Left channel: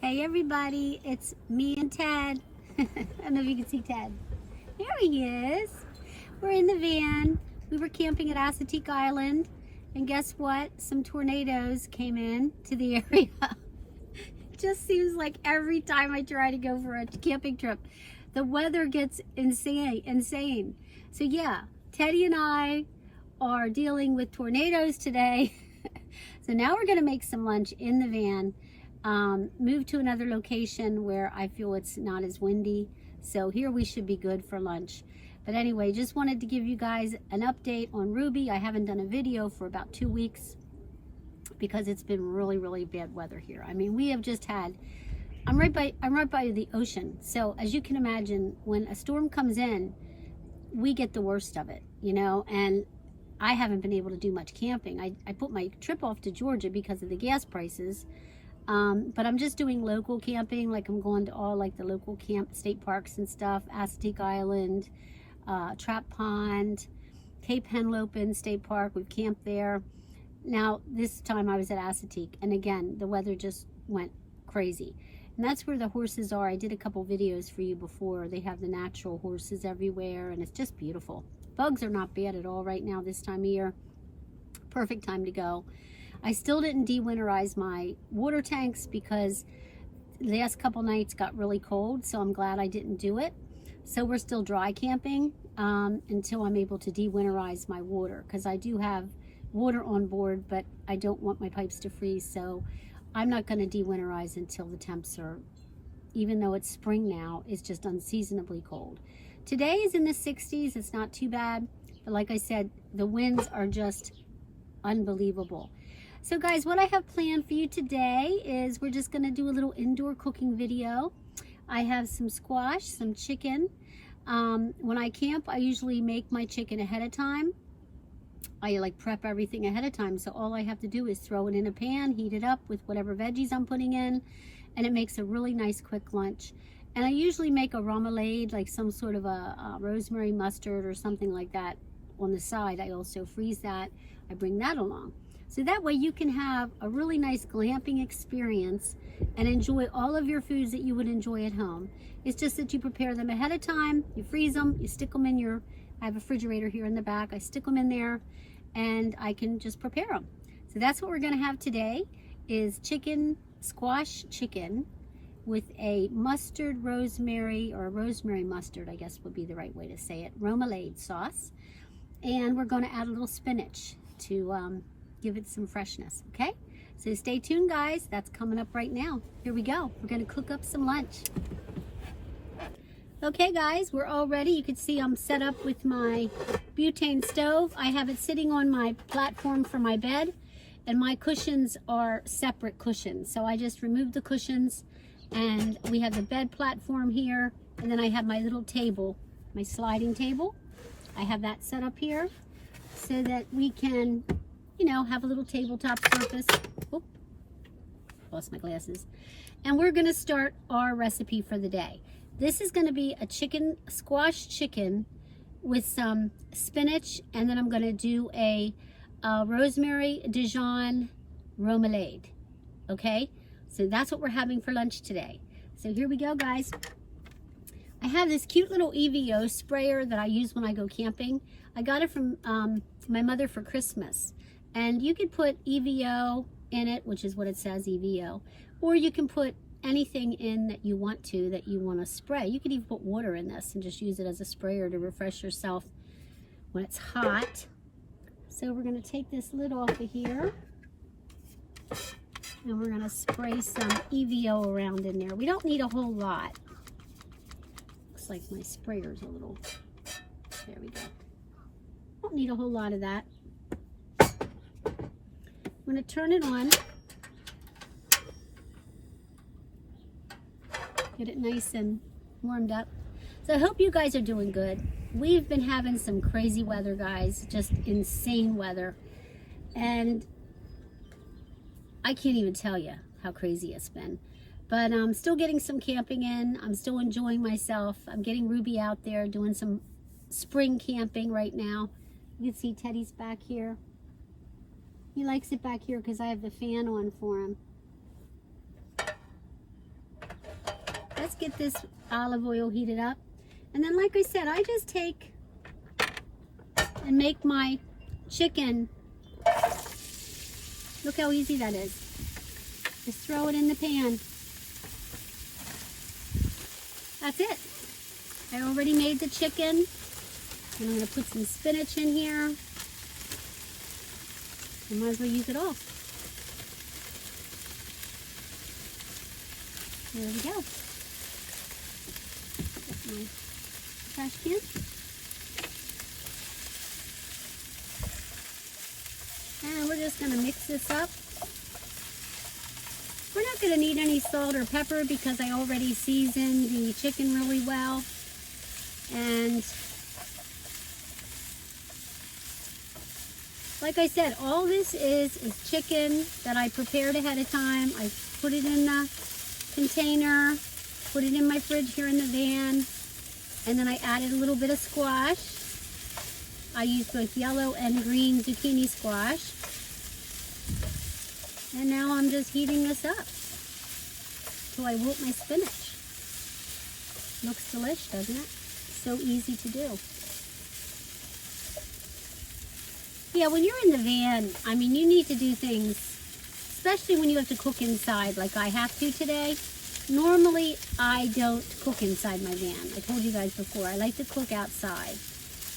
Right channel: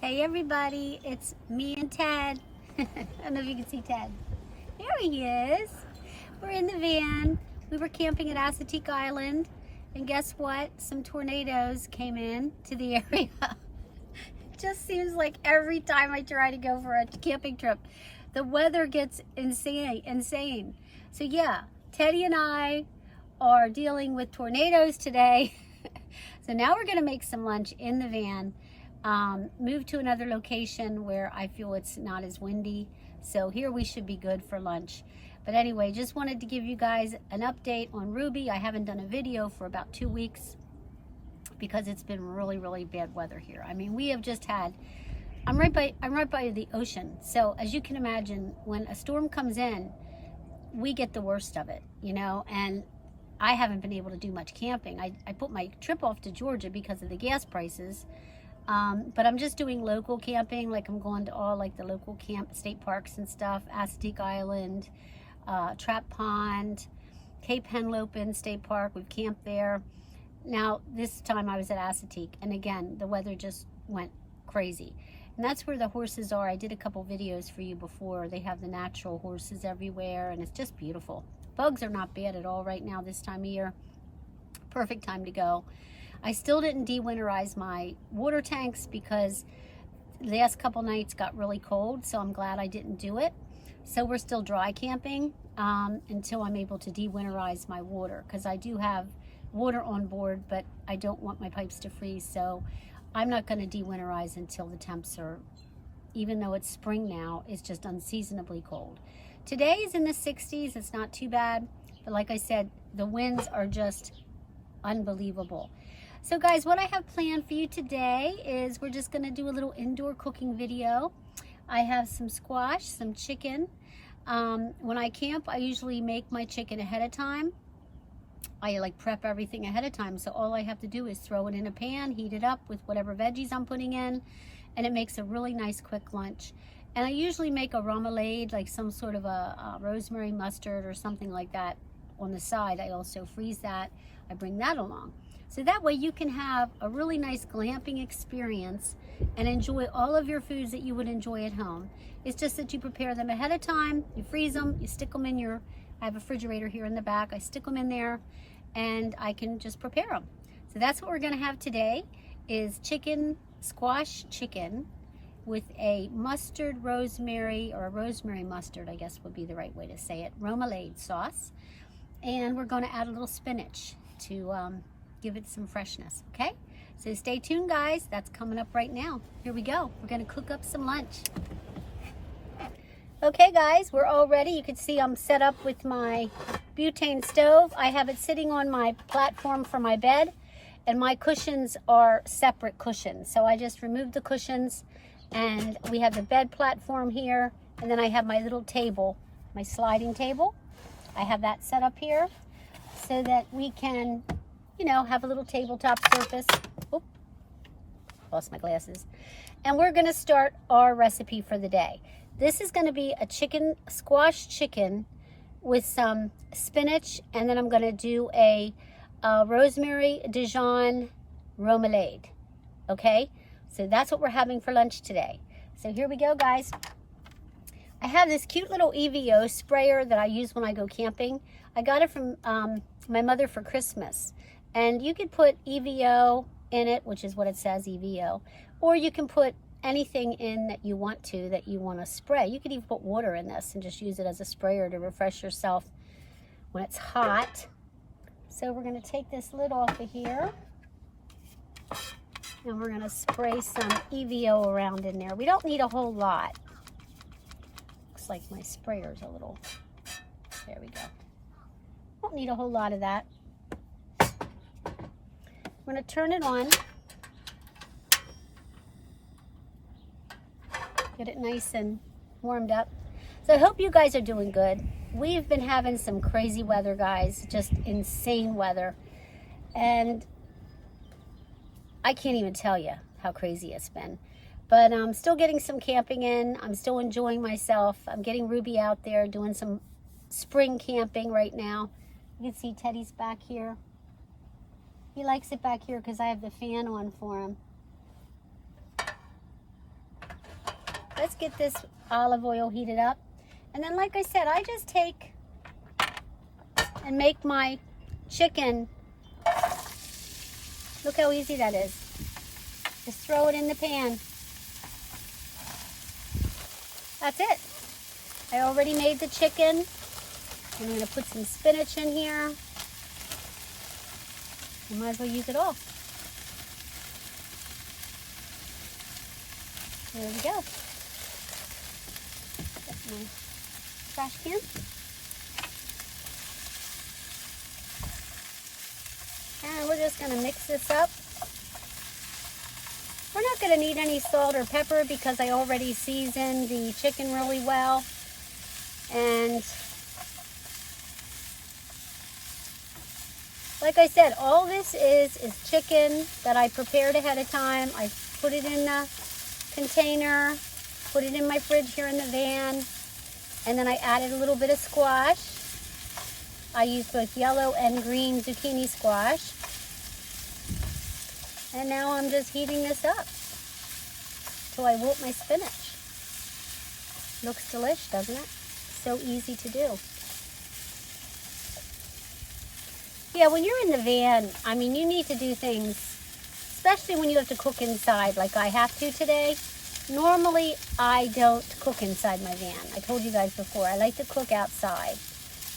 Hey everybody, it's me and Ted. I don't know if you can see Ted. There he is. We're in the van. We were camping at Assateague Island, and guess what? Some tornadoes came in to the area. It just seems like every time I try to go for a camping trip, the weather gets insane. So yeah, Teddy and I are dealing with tornadoes today. So now we're gonna make some lunch in the van. Move to another location where I feel it's not as windy. So here we should be good for lunch. But anyway, just wanted to give you guys an update on Ruby. I haven't done a video for about 2 weeks because it's been really bad weather here. I mean, we have just had, I'm right by the ocean. So as you can imagine, when a storm comes in, we get the worst of it, you know, and I haven't been able to do much camping. I put my trip off to Georgia because of the gas prices. But I'm just doing local camping, like I'm going to all like the local state parks and stuff, Assateague Island, Trap Pond, Cape Henlopen State Park. We've camped there. Now this time I was at Assateague, and again the weather just went crazy, and that's where the horses are. I did a couple videos for you before. They have the natural horses everywhere, and it's just beautiful. Bugs are not bad at all right now this time of year. Perfect time to go. I still didn't de-winterize my water tanks because the last couple nights got really cold, so I'm glad I didn't do it. So we're still dry camping until I'm able to de-winterize my water, because I do have water on board, but I don't want my pipes to freeze, so I'm not going to de-winterize until the temps are, even though it's spring now, it's just unseasonably cold. Today is in the 60s. It's not too bad, but like I said, the winds are just unbelievable. So guys, what I have planned for you today is we're just going to do a little indoor cooking video. I have some squash, some chicken. When I camp, I usually make my chicken ahead of time. I like prep everything ahead of time, so all I have to do is throw it in a pan, heat it up with whatever veggies I'm putting in, and it makes a really nice quick lunch. And I usually make a remoulade, like some sort of a rosemary mustard or something like that on the side. I also freeze that. I bring that along. So that way you can have a really nice glamping experience and enjoy all of your foods that you would enjoy at home. It's just that you prepare them ahead of time, you freeze them, you stick them in your, I have a refrigerator here in the back, I stick them in there and I can just prepare them. So that's what we're gonna have today, is chicken, squash chicken with a mustard rosemary, or a rosemary mustard, I guess would be the right way to say it, remoulade sauce. And we're gonna add a little spinach to give it some freshness, okay? So stay tuned, guys. That's coming up right now. Here we go. We're gonna cook up some lunch. Okay, guys, we're all ready. You can see I'm set up with my butane stove. I have it sitting on my platform for my bed, and my cushions are separate cushions. So I just removed the cushions, and we have the bed platform here, and then I have my little table, my sliding table. I have that set up here so that we can, you know, have a little tabletop surface. Oh, lost my glasses. And we're gonna start our recipe for the day. This is gonna be a squash chicken with some spinach, and then I'm gonna do a rosemary Dijon remoulade, okay? So that's what we're having for lunch today. So here we go, guys. I have this cute little EVO sprayer that I use when I go camping. I got it from my mother for Christmas. And you could put EVO in it, which is what it says, EVO. Or you can put anything in that you want to spray. You could even put water in this and just use it as a sprayer to refresh yourself when it's hot. So we're going to take this lid off of here. And we're going to spray some EVO around in there. We don't need a whole lot. Looks like my sprayer's a little, there we go. Don't need a whole lot of that. I'm going to turn it on, get it nice and warmed up. So I hope you guys are doing good. We've been having some crazy weather, guys, just insane weather. And I can't even tell you how crazy it's been. But I'm still getting some camping in. I'm still enjoying myself. I'm getting Ruby out there doing some spring camping right now. You can see Teddy's back here. He likes it back here because I have the fan on for him. let's get this olive oil heated up. And then, like I said, I just take and make my chicken. Look how easy that is. Just throw it in the pan. That's it. I already made the chicken. I'm going to put some spinach in here. I might as well use it all. There we go. Get my trash can. And we're just going to mix this up. We're not going to need any salt or pepper because I already seasoned the chicken really well. And like I said, all this is chicken that I prepared ahead of time. I put it in the container, put it in my fridge here in the van, and then I added a little bit of squash. I used both yellow and green zucchini squash. And now I'm just heating this up so I wilt my spinach. Looks delish, doesn't it? So easy to do. Yeah, when you're in the van, I mean, you need to do things, especially when you have to cook inside like I have to today. Normally, I don't cook inside my van. I told you guys before, I like to cook outside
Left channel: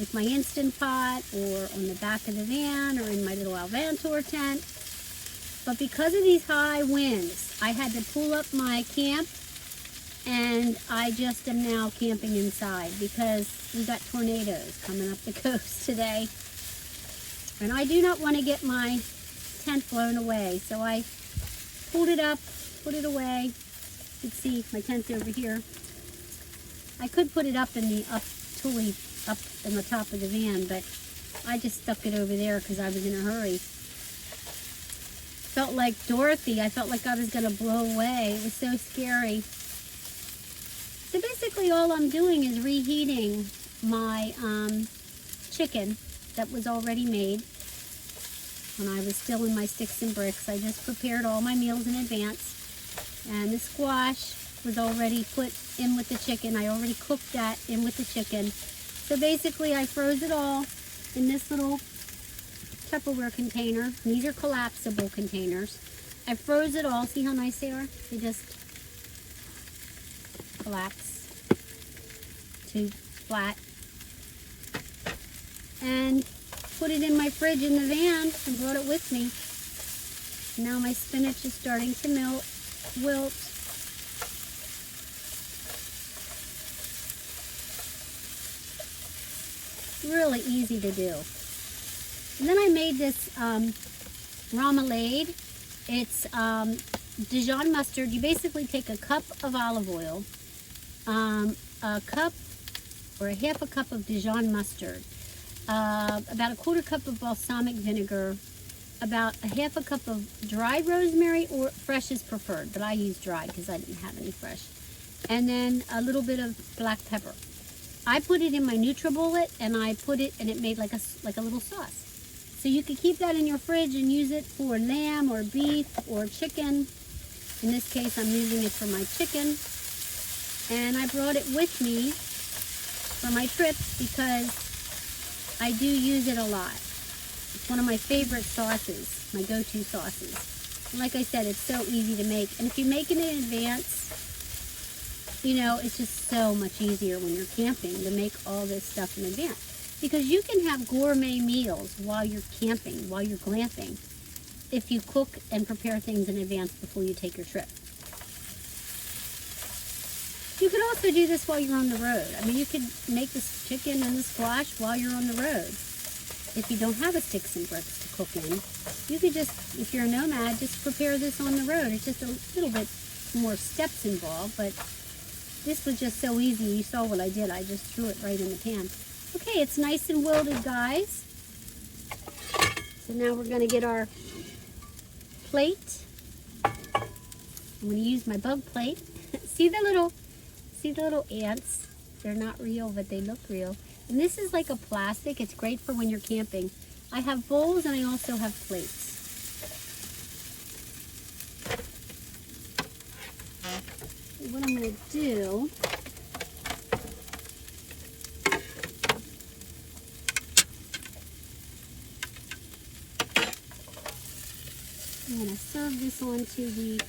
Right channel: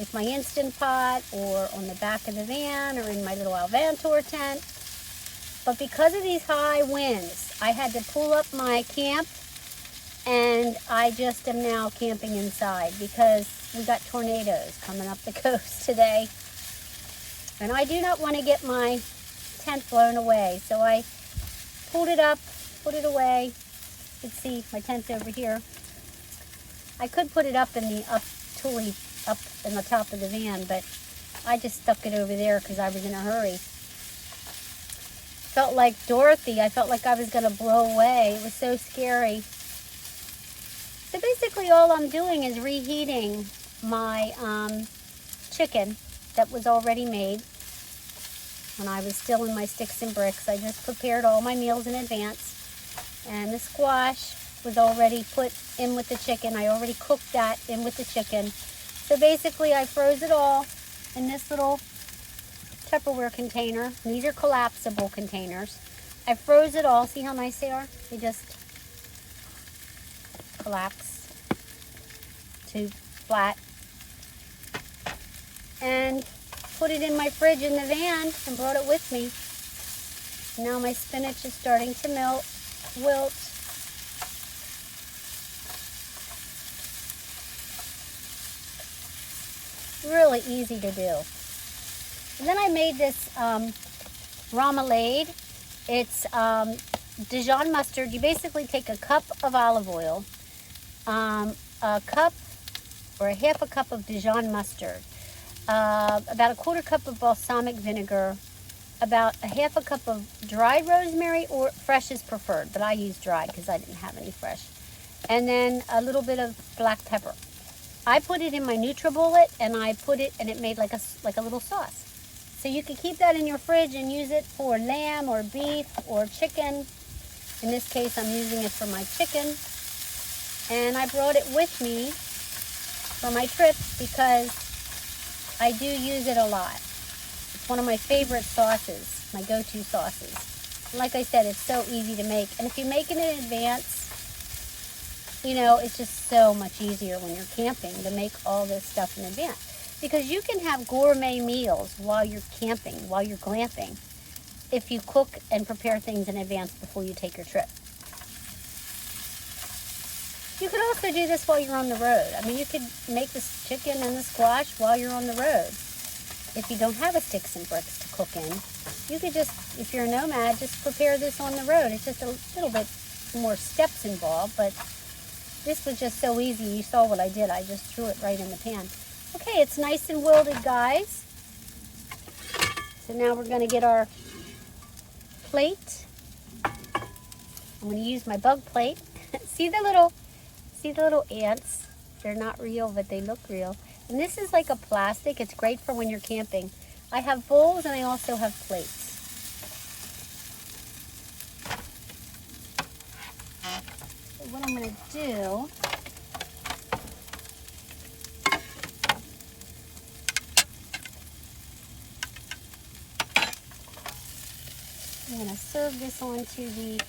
with my Instant Pot or on the back of the van or in my little Alvantor tent. But because of these high winds, I had to pull up my camp, and I just am now camping inside because we got tornadoes coming up the coast today. And I do not want to get my tent blown away. So I pulled it up, put it away. You can see my tent's over here. I could put it up in the tully up in the top of the van, but I just stuck it over there because I was in a hurry. Felt like Dorothy. I felt like I was going to blow away. It was so scary. So basically all I'm doing is reheating my chicken that was already made when I was still in my sticks and bricks. I just prepared all my meals in advance. And the squash was already put in with the chicken. I already cooked that in with the chicken. So basically I froze it all in this little Tupperware container. These are collapsible containers. I froze it all. See how nice they are? They just collapse to flat. And put it in my fridge in the van and brought it with me. Now my spinach is starting to wilt. Really easy to do. And then I made this remoulade. It's Dijon mustard. You basically take a cup of olive oil, a cup or a half a cup of Dijon mustard, about a quarter cup of balsamic vinegar, about a half a cup of dried rosemary, or fresh is preferred, but I used dried because I didn't have any fresh, and then a little bit of black pepper. I put it in my NutriBullet, and I put it, and it made like a little sauce. So you can keep that in your fridge and use it for lamb or beef or chicken. In this case, I'm using it for my chicken. And I brought it with me for my trip because I do use it a lot. It's one of my favorite sauces, my go-to sauces. Like I said, it's so easy to make. And if you make it in advance, you know, it's just so much easier when you're camping to make all this stuff in advance. Because you can have gourmet meals while you're camping, while you're glamping, if you cook and prepare things in advance before you take your trip. You could also do this while you're on the road. I mean, you could make this chicken and the squash while you're on the road. If you don't have a sticks and bricks to cook in, you could just, if you're a nomad, just prepare this on the road. It's just a little bit more steps involved, but this was just so easy. You saw what I did. I just threw it right in the pan. Okay, it's nice and wilted, guys. So now we're going to get our plate. I'm going to use my bug plate. See the little ants? They're not real, but they look real. And this is like a plastic. It's great for when you're camping. I have bowls and I also have plates. what I'm going to do, I'm going to serve this onto the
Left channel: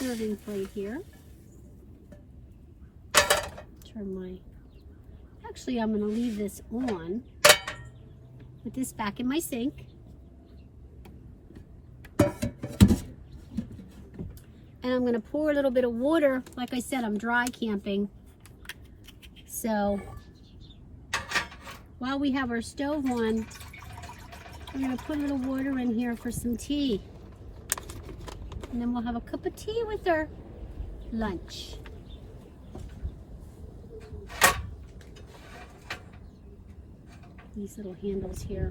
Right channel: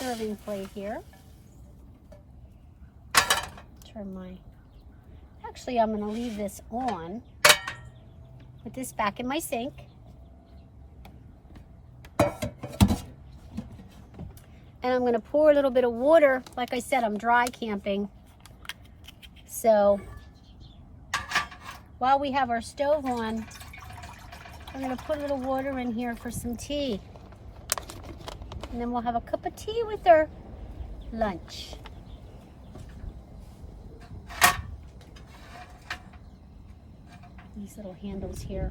serving plate here. Actually, I'm going to leave this on. Put this back in my sink. And I'm going to pour a little bit of water. Like I said, I'm dry camping. So while we have our stove on, I'm going to put a little water in here for some tea. And then we'll have a cup of tea with our lunch. These little handles here.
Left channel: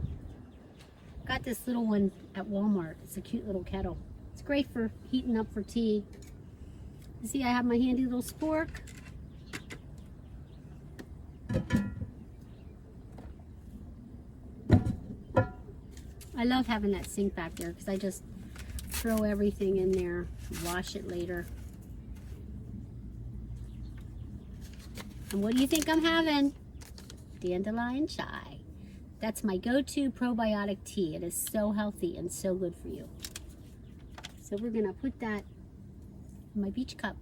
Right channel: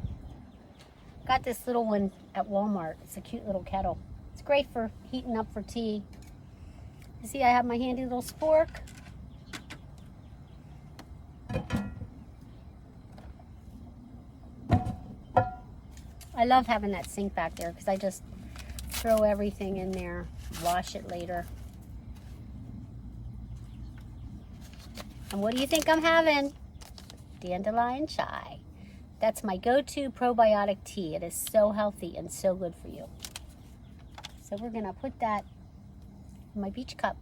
Got this little one at Walmart. It's a cute little kettle. It's great for heating up for tea. You see, I have my handy little spork. I love having that sink back there because I just throw everything in there, wash it later. And what do you think I'm having? Dandelion chai. That's my go-to probiotic tea. It is so healthy and so good for you. So we're gonna put that in my beach cup.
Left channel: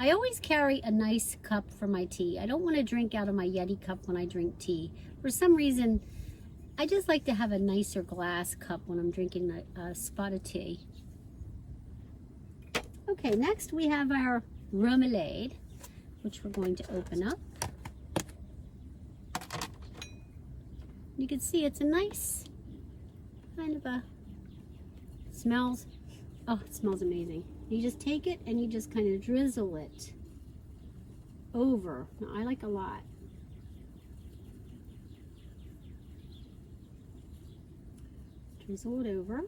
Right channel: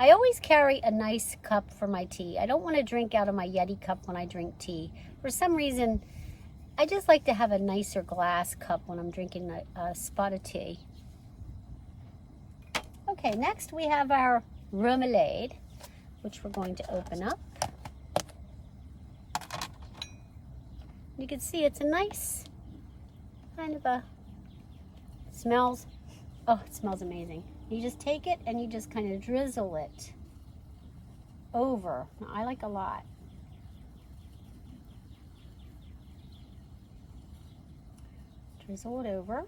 I always carry a nice cup for my tea. I don't want to drink out of my Yeti cup when I drink tea. For some reason, I just like to have a nicer glass cup when I'm drinking a spot of tea. Okay, next we have our remoulade, which we're going to open up. You can see it's a nice kind of a, smells, oh, it smells amazing. You just take it and you just kind of drizzle it over. Now, I like a lot. Drizzle it over.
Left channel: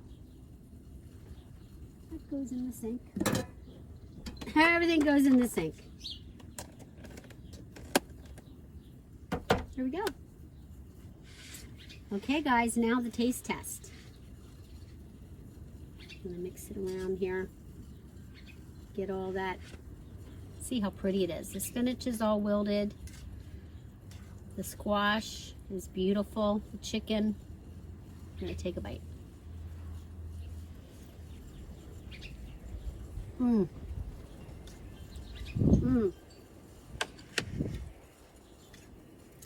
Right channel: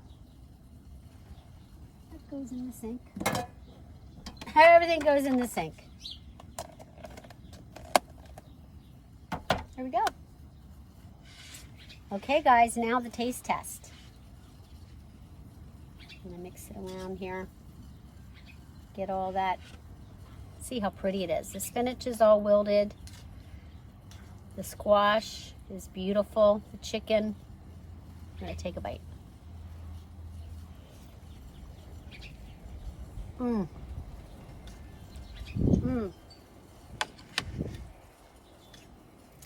It goes in the sink. Everything goes in the sink. There we go. Okay guys, now the taste test. I'm gonna mix it around here. Get all that. See how pretty it is. The spinach is all wilted. The squash is beautiful. The chicken. I'm gonna take a bite. Mmm. Mmm.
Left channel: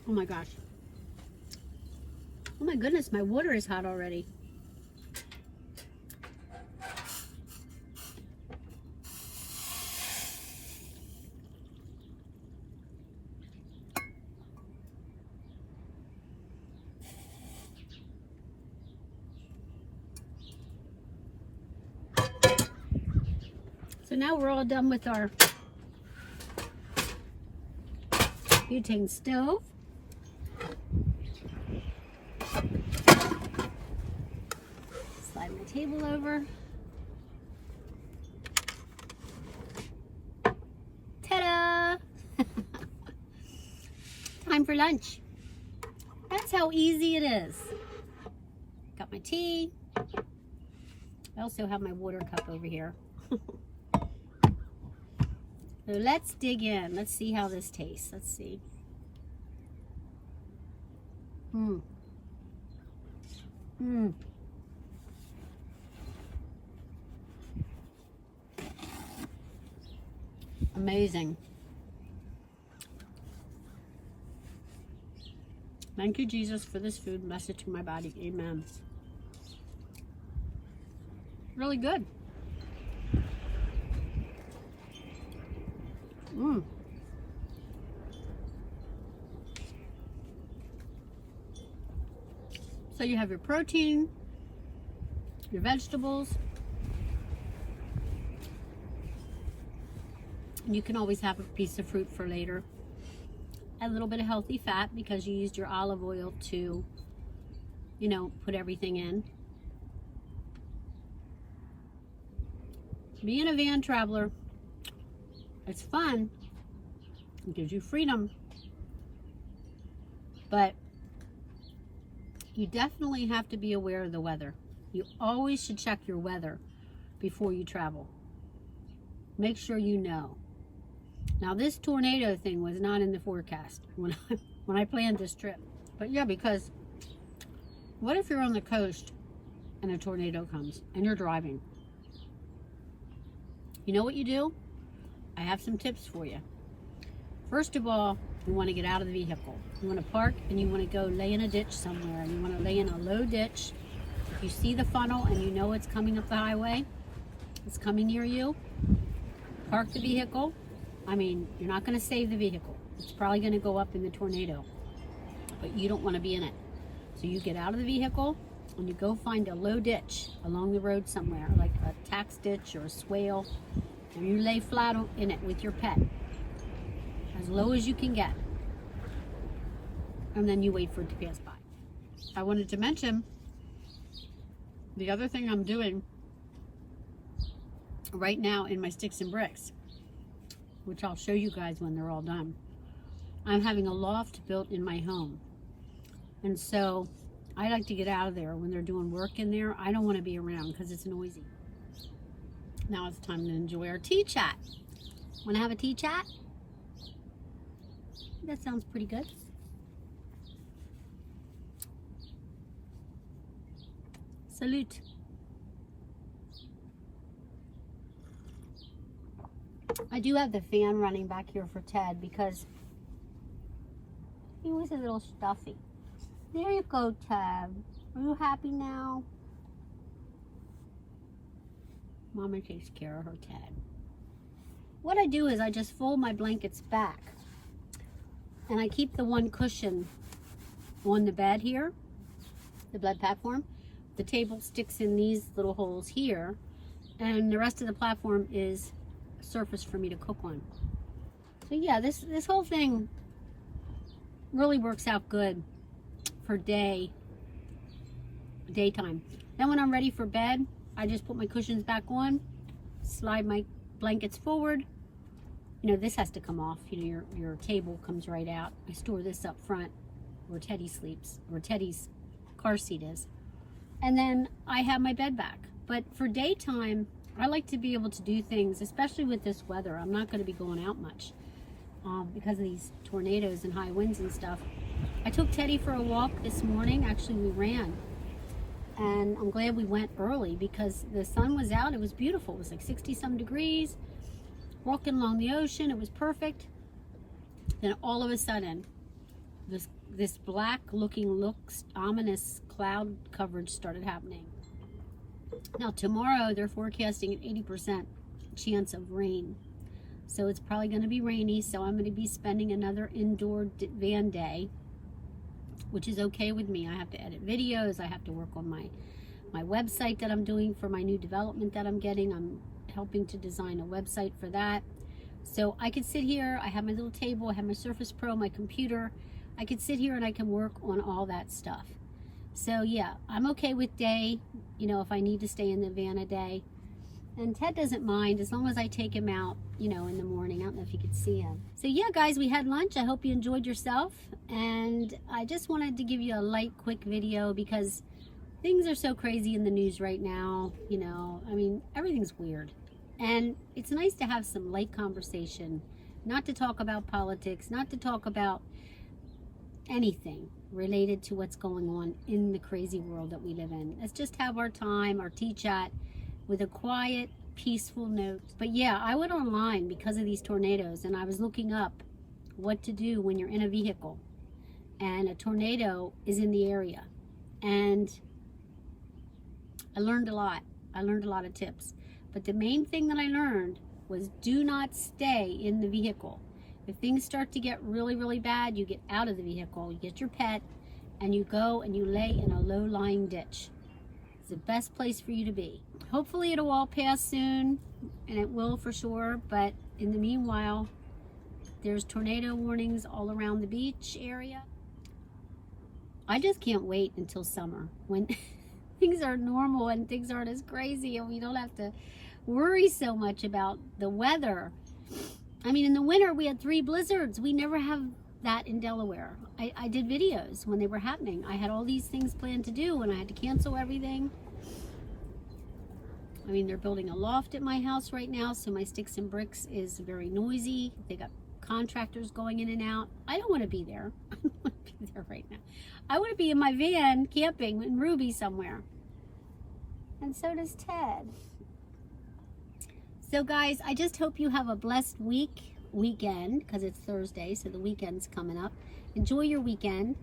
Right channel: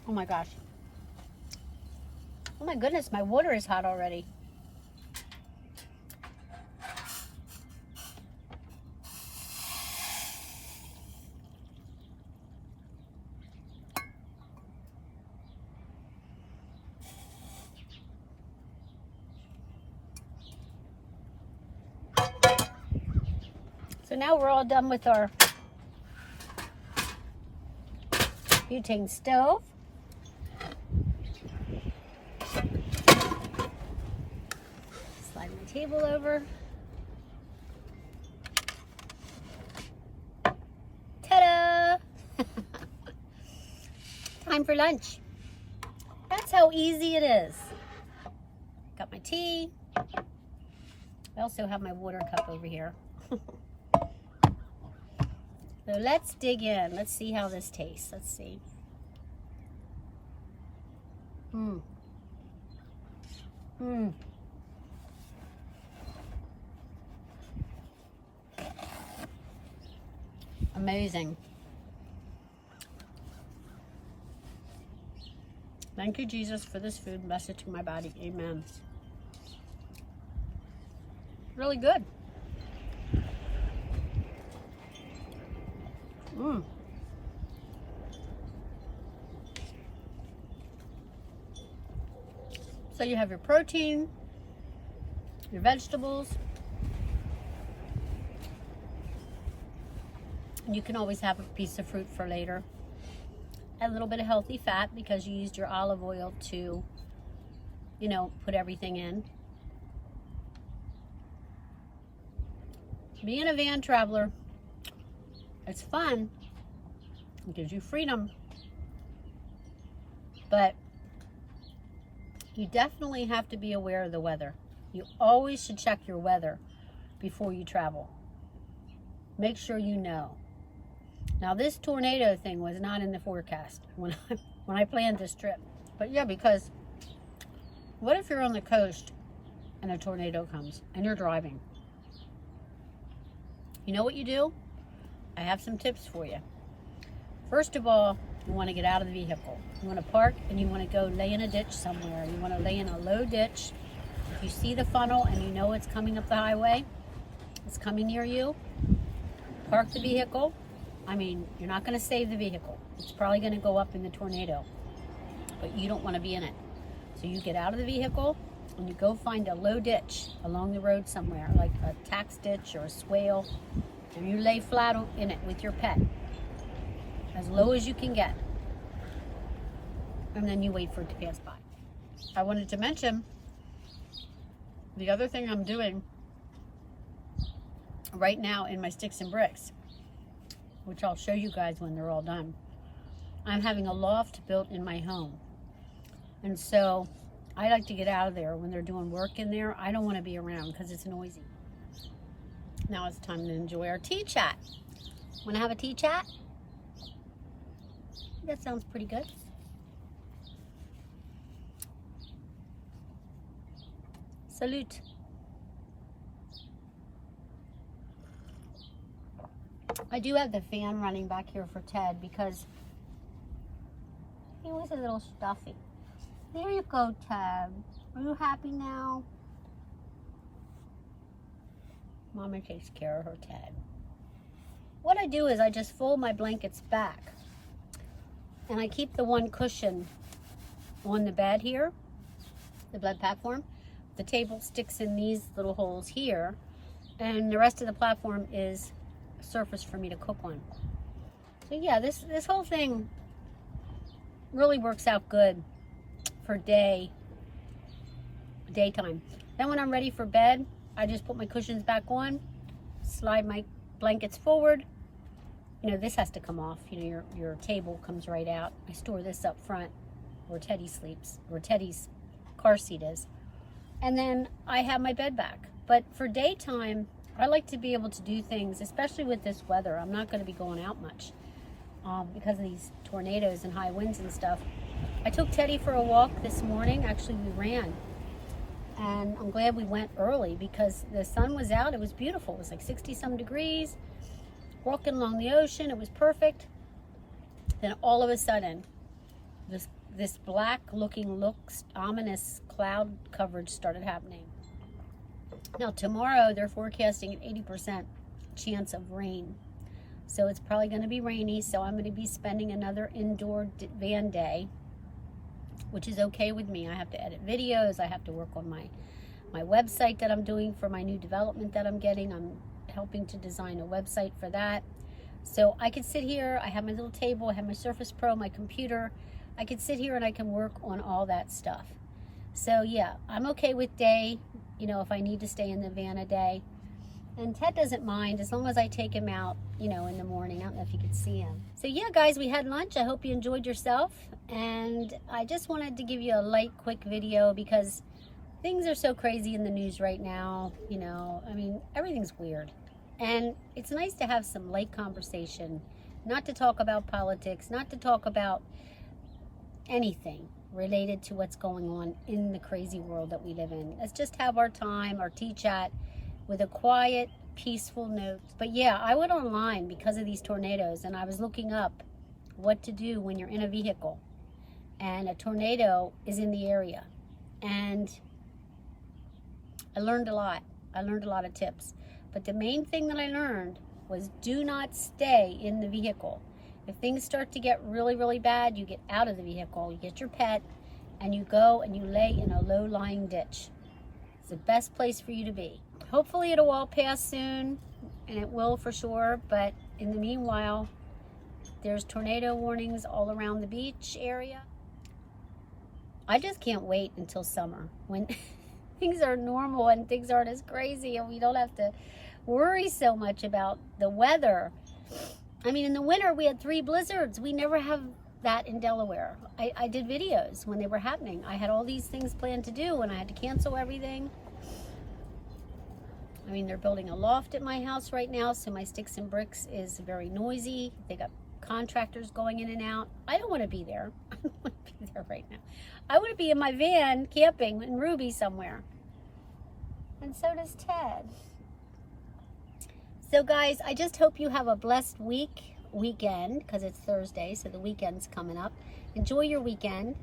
Oh my gosh. Oh my goodness, my water is hot already. So now we're all done with our butane stove. Slide my table over. Ta-da! Time for lunch. That's how easy it is. Got my tea. I also have my water cup over here. So let's dig in. Let's see how this tastes. Let's see. Mmm. Mmm. Amazing. Thank you, Jesus, for this food. Bless it to my body. Amen. Really good. Mmm. So you have your protein, your vegetables. You can always have a piece of fruit for later. A little bit of healthy fat because you used your olive oil to, you know, put everything in. Being a van traveler, it's fun. It gives you freedom. But you definitely have to be aware of the weather. You always should check your weather before you travel. Make sure you know. Now this tornado thing was not in the forecast when I planned this trip. But yeah, because what if you're on the coast and a tornado comes and you're driving? You know what you do? I have some tips for you. First of all, you want to get out of the vehicle. You want to park and you want to go lay in a ditch somewhere. You want to lay in a low ditch. If you see the funnel and you know it's coming up the highway, it's coming near you, park the vehicle. I mean, you're not going to save the vehicle. It's probably going to go up in the tornado, but you don't want to be in it. So you get out of the vehicle and you go find a low ditch along the road somewhere, like a tax ditch or a swale, and you lay flat in it with your pet, as low as you can get. And then you wait for it to pass by. I wanted to mention the other thing I'm doing right now in my sticks and bricks, which I'll show you guys when they're all done. I'm having a loft built in my home. And so I like to get out of there when they're doing work in there. I don't want to be around because it's noisy. Now it's time to enjoy our tea chat. Want to have a tea chat? That sounds pretty good. Salute. I do have the fan running back here for Ted because he was a little stuffy. There you go, Ted. Are you happy now? Mama takes care of her Ted. What I do is I just fold my blankets back and I keep the one cushion on the bed here, the bed platform. The table sticks in these little holes here, and the rest of the platform is a surface for me to cook on. So yeah, this whole thing really works out good for daytime. Then when I'm ready for bed, I just put my cushions back on, slide my blankets forward. You know, this has to come off. You know, your table comes right out. I store this up front where Teddy sleeps, where Teddy's car seat is. And then I have my bed back. But for daytime, I like to be able to do things, especially with this weather. I'm not going to be going out much because of these tornadoes and high winds and stuff. I took Teddy for a walk this morning. Actually, we ran. And I'm glad we went early because the sun was out. It was beautiful. It was like 60-some degrees. Walking along the ocean. It was perfect. Then all of a sudden, this black-looking, ominous cloud coverage started happening. Now, tomorrow, they're forecasting an 80% chance of rain. So it's probably going to be rainy. So I'm going to be spending another indoor van day, which is okay with me. I have to edit videos. I have to work on my website that I'm doing for my new development that I'm getting. I'm helping to design a website for that. So I could sit here. I have my little table. I have my Surface Pro, my computer. I could sit here and I can work on all that stuff. So yeah, I'm okay with day, you know, if I need to stay in the van a day. And Ted doesn't mind as long as I take him out, you know, in the morning. I don't know if you could see him. So yeah, guys, we had lunch. I hope you enjoyed yourself. And I just wanted to give you a light, quick video because things are so crazy in the news right now. You know, I mean, everything's weird. And it's nice to have some light conversation, not to talk about politics, not to talk about anything related to what's going on in the crazy world that we live in. Let's just have our time, our tea chat with a quiet, peaceful note. But yeah, I went online because of these tornadoes and I was looking up what to do when you're in a vehicle and a tornado is in the area. And I learned a lot. I learned a lot of tips. But the main thing that I learned was do not stay in the vehicle. If things start to get really, really bad, you get out of the vehicle, you get your pet, and you go and you lay in a low-lying ditch. It's the best place for you to be. Hopefully it'll all pass soon, and it will for sure, but in the meanwhile, there's tornado warnings all around the beach area. I just can't wait until summer when things are normal and things aren't as crazy and we don't have to worry so much about the weather. I mean, in the winter, we had 3 blizzards. We never have that in Delaware. I did videos when they were happening. I had all these things planned to do, and I had to cancel everything. I mean, they're building a loft at my house right now, so my sticks and bricks is very noisy. They got contractors going in and out. I don't want to be there. I don't want to be there right now. I want to be in my van camping in Ruby somewhere. And so does Ted. So guys, I just hope you have a blessed weekend, because it's Thursday, so the weekend's coming up. Enjoy your weekend.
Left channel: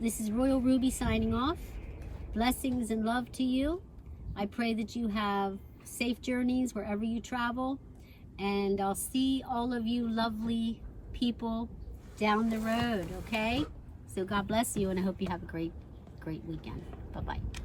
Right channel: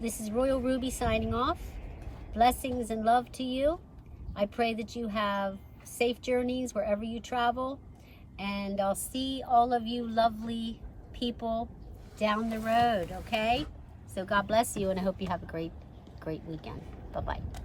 This is Royal Ruby signing off. Blessings and love to you. I pray that you have safe journeys wherever you travel. And I'll see all of you lovely people down the road, okay? So God bless you, and I hope you have a great weekend. Bye-bye.